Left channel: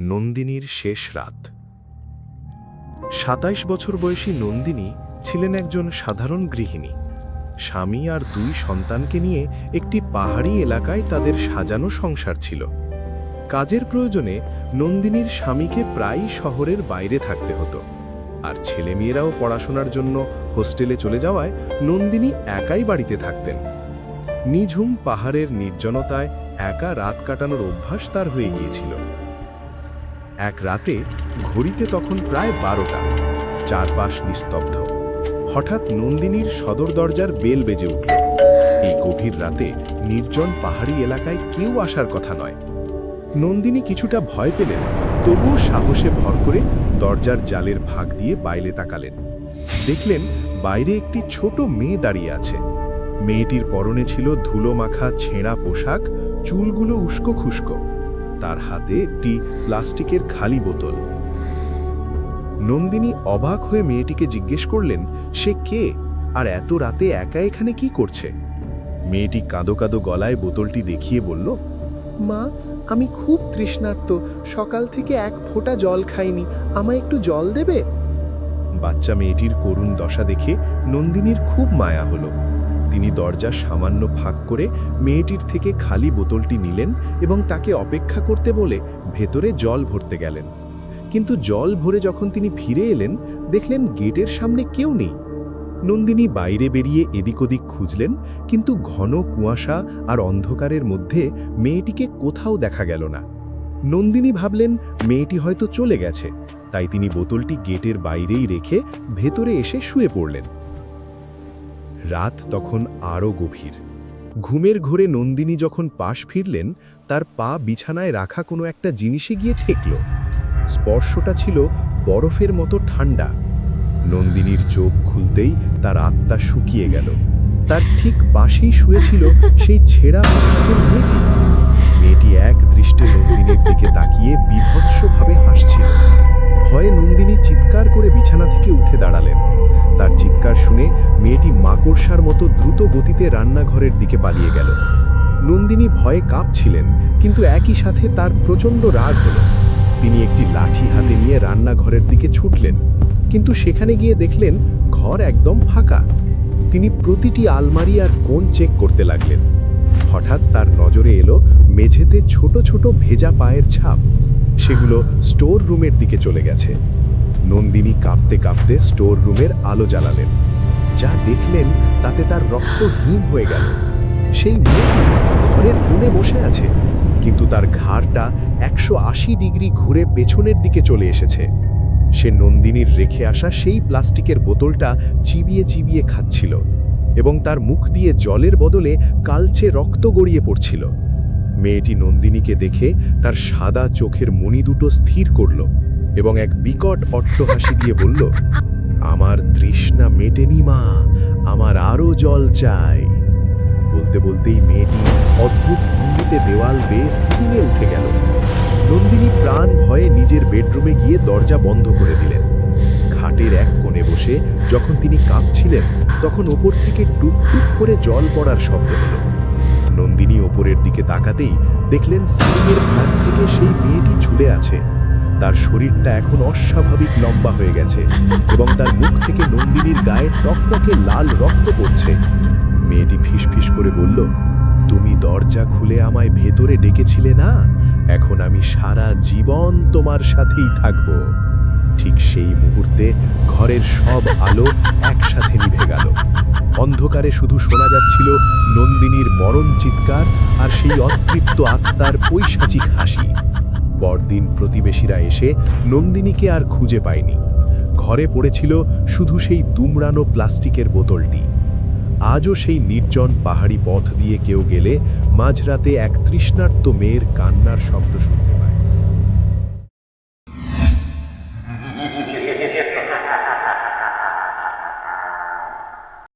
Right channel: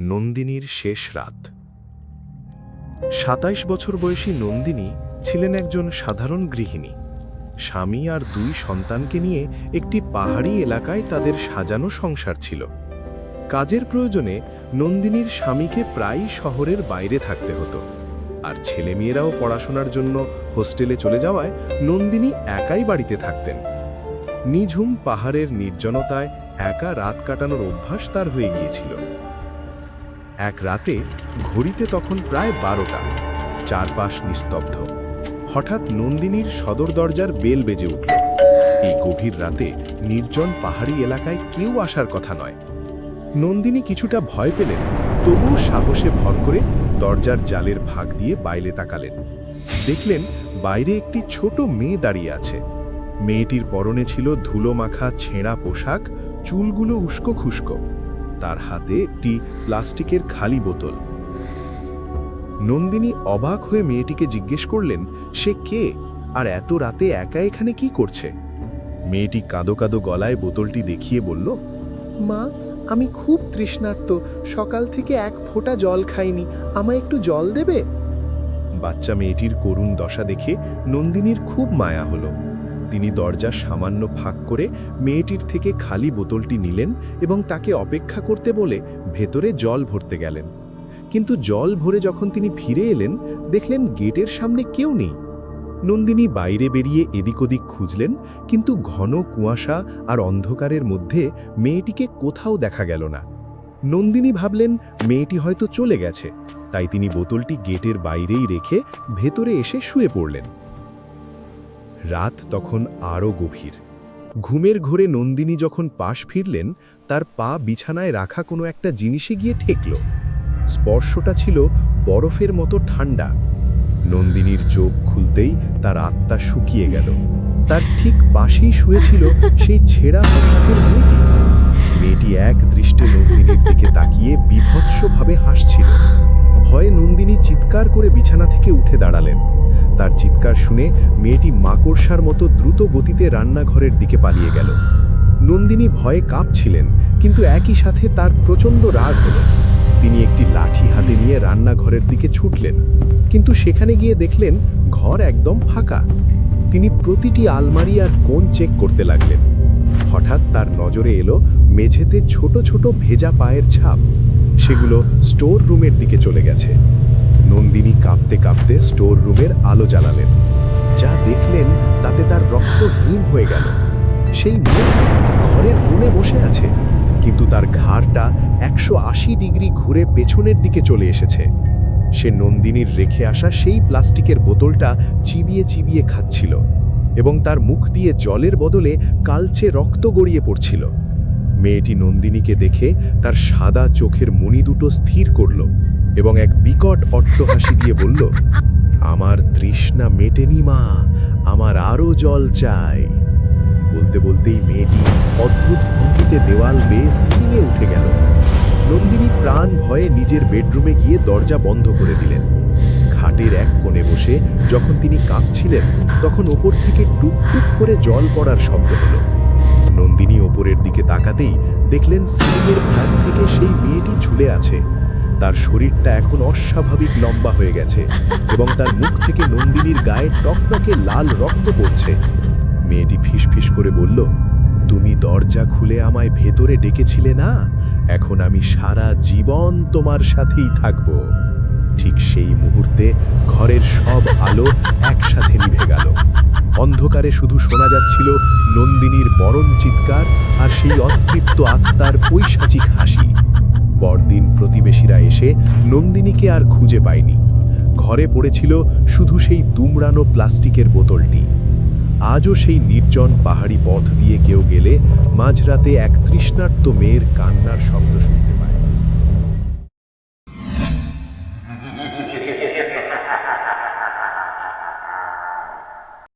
নন্দিনীর শেষ রাত। সাতাইশ বছর বয়সী নন্দিনী ছিলেন একজন সাধারণ গৃহিণী। স্বামী আর দুই সন্তানকে নিয়ে একটি পাহাড়ি এলাকায় তাদের সাজানো সংসার ছিল। কাজের প্রয়োজনে নন্দিনীর স্বামীকে প্রায়ই শহরের বাইরে থাকতে হতো। আর ছেলেমেয়েরাও পড়াশোনার জন্য হোস্টেলে চলে যাওয়ায় নন্দিনী একাই বাড়িতে থাকতেন। নিঝুম পাহাড়ের নির্জনতায় একা রাত কাটানোর অভ্যাস তার হয়ে গিয়েছিল। এক রাতে ঘড়িতে তখন প্রায় বারোটা। চারপাশ নিস্তব্ধ। হঠাৎ নন্দিনীর সদর দরজার বেল বেজে উঠল। এই গভীর রাতে নির্জন পাহাড়ি এলাকায় কেউ আসার কথা নয়। নন্দিনী কিছুটা ভয় পেলেন, তবুও সাহসে ভর করে দরজার জালের ভাগ দিয়ে বাইরে তাকালেন। দেখলেন বাইরে একটি ছোট মেয়ে দাঁড়িয়ে আছে। মেয়েটির পরনে ছিল ধুলো মাখা ছেঁড়া পোশাক, চুলগুলো উস্কো খুস্কো। তার হাতে একটি প্লাস্টিকের খালি বোতল। নন্দিনী অবাক হয়ে মেয়েটিকে জিজ্ঞেস করলেন, সে কে? আর এত রাতে একা এখানে কি করছে? মেয়েটি কাঁদো কাঁদো গলায় বোতলটি দেখিয়ে বলল, মা, আমি খুব তৃষ্ণার্ত। সকাল থেকে এক ফোঁটা জল খাইনি। আমায় একটু জল দেবে? বাচ্চা মেয়েটির করুণ দশা দেখে নন্দিনীর খুব মায়া হলো। তিনি দরজা সামান্য ফাঁক করে মেয়েটির থেকে খালি বোতলটি নিলেন এবং তাকে অপেক্ষা করতে বলে ভেতরে জল ভরতে গেলেন। কিন্তু জল ভরে যখন তিনি ফিরে এলেন, দেখলেন গেটের সামনে কেউ নেই। নন্দিনী বাইরে বেরিয়ে এদিক ওদিক খুঁজলেন, কিন্তু ঘন কুয়াশা আর অন্ধকারের মধ্যে মেয়েটিকে কোথাও দেখা গেল না। নন্দিনী ভাবলেন, মেয়েটি হয়তো চলে গেছে। তাই তিনি বোতলটি গেটের বাইরেই রেখে ভেতরে এসে শুয়ে পড়লেন। রাত তখন আরও গভীর। ঘুমের ঘোরে নন্দিনী যখন পাশ ফিরলেন, তার পা বিছানায় রাখা কোনো একটা জিনিসে গিয়ে ঠেকল। স্পর্শটা ছিল বরফের মতো ঠান্ডা নন্দিনীর চোখ খুলতেই তার আত্মা শুকিয়ে গেল। তার ঠিক পাশেই শুয়েছিল সেই ছেঁড়া পোশাকের মেয়েটি। মেয়েটি এক দৃষ্টে নন্দিনীর দিকে তাকিয়ে বিভৎসভাবে হাসছিল। ভয়ে নন্দিনী চিৎকার করে বিছানা থেকে উঠে দাঁড়ালেন। তার চিৎকার শুনে মেয়েটি মাকড়সার মতো দ্রুত গতিতে রান্নাঘরের দিকে পালিয়ে গেল। নন্দিনী ভয়ে কাঁপছিলেন, কিন্তু একই সাথে তার প্রচণ্ড রাগ হলো। তিনি একটি লাঠি হাতে নিয়ে রান্নাঘরের দিকে ছুটলেন, কিন্তু সেখানে গিয়ে দেখলেন ঘর একদম ফাঁকা। তিনি প্রতিটি আলমারি আর কোণ চেক করতে লাগলেন। হঠাৎ তার নজরে এলো মেঝেতে ছোট ছোট ভেজা পায়ের ছাপ। সেগুলো স্টোর রুমের দিকে চলে গেছে। নন্দিনী কাঁপতে কাঁপতে স্টোর রুমের আলো জ্বালালেন। যা দেখলেন তাতে তার রক্ত হিম হয়ে গেল। সেই মেয়েটি ঘরের কোণে বসে আছে, কিন্তু তার ঘাড়টা একশো আশি ডিগ্রি ঘুরে পেছনের দিকে চলে এসেছে। সে নন্দিনীর রেখে আসা সেই প্লাস্টিকের বোতলটা চিবিয়ে চিবিয়ে খাচ্ছিল এবং তার মুখ দিয়ে জলের বদলে কালচে রক্ত গড়িয়ে পড়ছিল। মেয়েটি নন্দিনীকে দেখে তার সাদা চোখের মণি দুটো স্থির করল এবং এক বিকট অট্টহাসি দিয়ে বলল, আমার তৃষ্ণা মেটেনি মা, আমার আরও জল চাই। বলতে বলতেই মেয়েটি অদ্ভুত ভঙ্গিতে দেওয়াল বেয়ে সিলিংয়ে উঠে গেল। নন্দিনী প্রাণ ভয়ে নিজের বেডরুমে গিয়ে দরজা বন্ধ করে দিলেন। খাটের এক কোণে বসে যখন তিনি কাঁপছিলেন, তখন ওপর থেকে টুপটুপ করে জল পড়ার শব্দ হলো। নন্দিনী ওপরের দিকে তাকাতেই দেখলেন সিলিংয়ের ফ্যান থেকে সেই মেয়েটি ঝুলে আছে। তার শরীরটা এখন অস্বাভাবিক লম্বা হয়ে গেছে এবং তার মুখ থেকে নন্দিনীর গায়ে টকটকে লাল রক্ত পড়ছে। মেয়েটি ফিসফিস করে বলল, তুমি দরজা খুলে আমায় ভেতরে ডেকেছিলে না? এখন আমি সারা জীবন তোমার সাথেই থাকব। ঠিক সেই মুহূর্তে ঘরের সব আলো একসাথে নিভে গেল। অন্ধকারে শুধু শোনা যাচ্ছিল নন্দিনীর মরণ চিৎকার আর সেই অতৃপ্ত আত্মার পৈশাচিক হাসি। পরদিন প্রতিবেশীরা এসে নন্দিনীকে আর খুঁজে পায়নি। ঘরে পড়েছিল শুধু সেই দুমড়ানো প্লাস্টিকের বোতলটি। আজও সেই নির্জন পাহাড়ি পথ দিয়ে কেউ গেলে মাঝরাতে এক তৃষ্ণার্ত মেয়ের কান্নার শব্দ শুনতে পায়।